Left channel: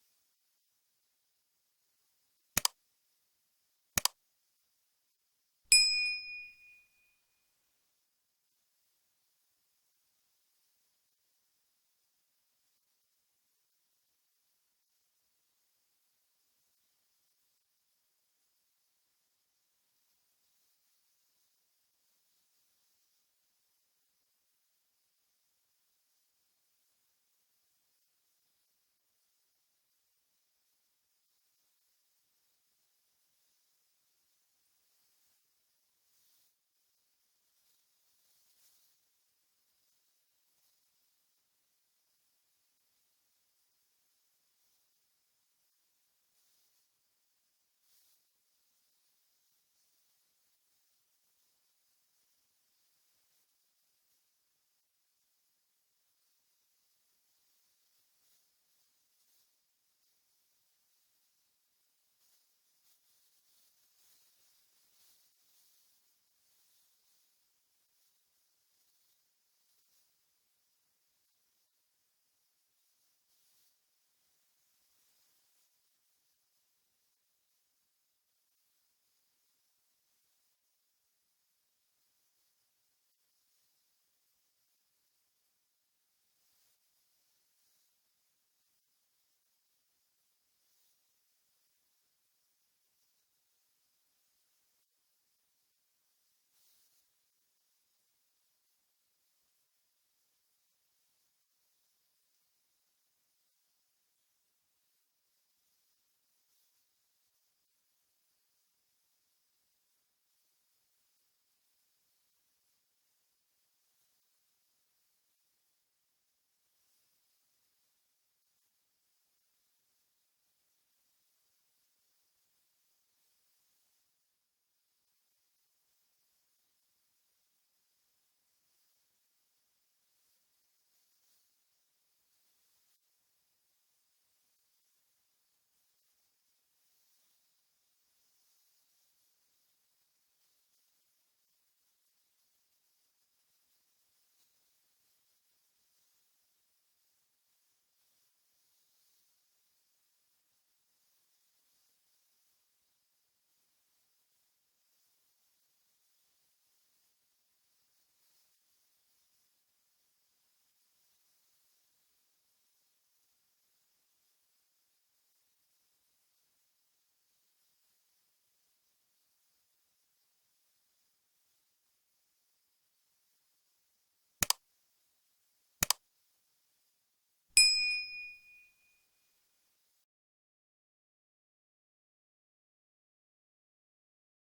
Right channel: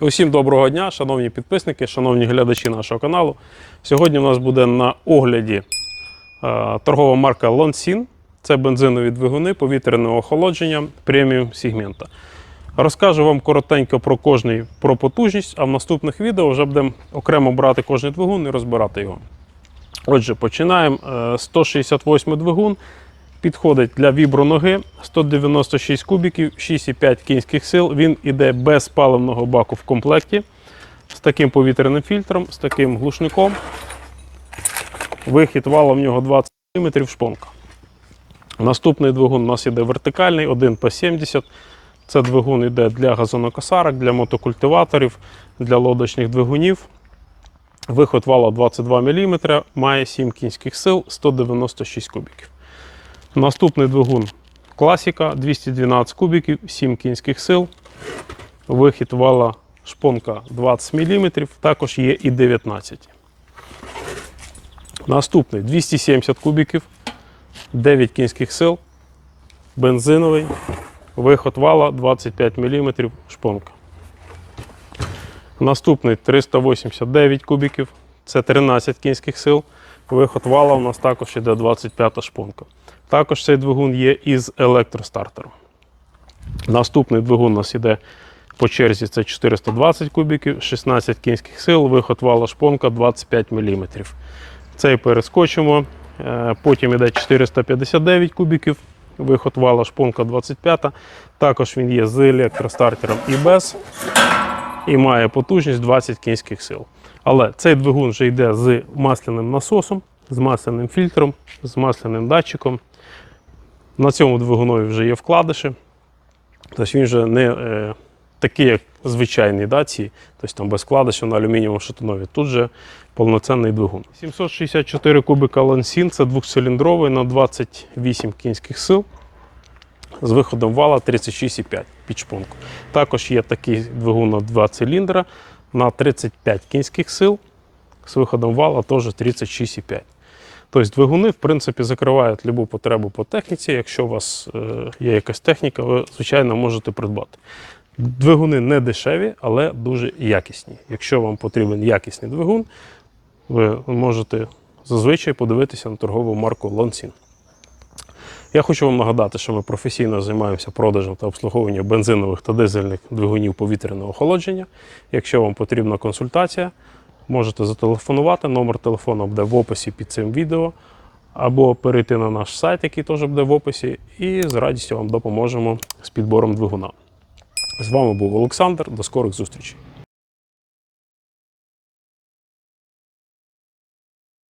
Усім доброго дня, шановні підписники, шановні глядачі нашого каналу. Сьогодні у нас буде на огляді е, торгова марка Lonsin. Це бензинові двигуни повітряного охолодження преміум сегмента. Розкажу вам коротенько про кожний про потужність, а в наступних відео вже будемо окремо брати кожний двигун і розбирати його. Отже, починаємо. Е, 168 двигун. Підходить для віброноги 196 кубіків, 6,5 кінських сил. Він іде без паливного баку в комплекті, з таким повітряним фільтром, з таким глушником. Вихід вала в нього 20 мм шпонка. Наступний двигун у нас іде вертикальний, 1 по 70. Це двигун іде для газонокосарок, для мотокультиваторів, для лодочних двигунів. Виход вала 22 мм, має 7 кінських сил, 196 кубіків. Наступний двигун класіка 212 кубіків, 7 кінських сил. Вихід вала шпонка 20 мм, також є і 19. Наступний 270 кубіків, 9 кінських сил, бензиновий, виход вала 25 мм шпонка. Наступний 389 кубіків, це 13 кінських сил. Виход вала у нас також іде 25 шпонка. Також цей двигун є із електростартером. Наступний двигун у нас іде по черзі це 420 кубіків, 16 кінських сил, виход вала шпонка 25 мм. Цей перескочимо. Е, Потім іде 459 кубіків, виход вала шпонка 25. Також він є з електростартером і без. І має потужність 20 кінських сил. Але цей двигун вже йде з масляним насосом, з масляним фільтром, з масляним датчиком. На цьому двигунові вже є вкладиші. Тобто він вже не е, такий, як звичайний да, ці, тобто там без вкладишів на алюмінієвому шатунові. Тут же повноцінний двигун. 764 кубика Лансін це двохциліндровий на 28 кінських сил з виходом вала 36,5 під шпонку. Також є такий двигун на 2 циліндра на 35 кінських сил з виходом вала теж 36,5. Тобто двигуни, в принципі, закривають любу потребу по техніці. Якщо у вас е, є якась техніка, ви, звичайно, можете придбати. Двигуни не дешеві, але дуже якісні. Якщо вам потрібен якісний двигун, ви можете зазвичай подивитися на торгову марку Lonsin. Я хочу вам нагадати, що ми професійно займаємося продажем та обслуговуванням бензинових та дизельних двигунів повітряного охолодження. Якщо вам потрібна консультація, можете зателефонувати. Номер телефону буде в описі під цим відео, або перейти на наш сайт, який теж буде в описі, і з радістю вам допоможемо з підбором двигуна. З вами був Олександр. До скорих зустрічей.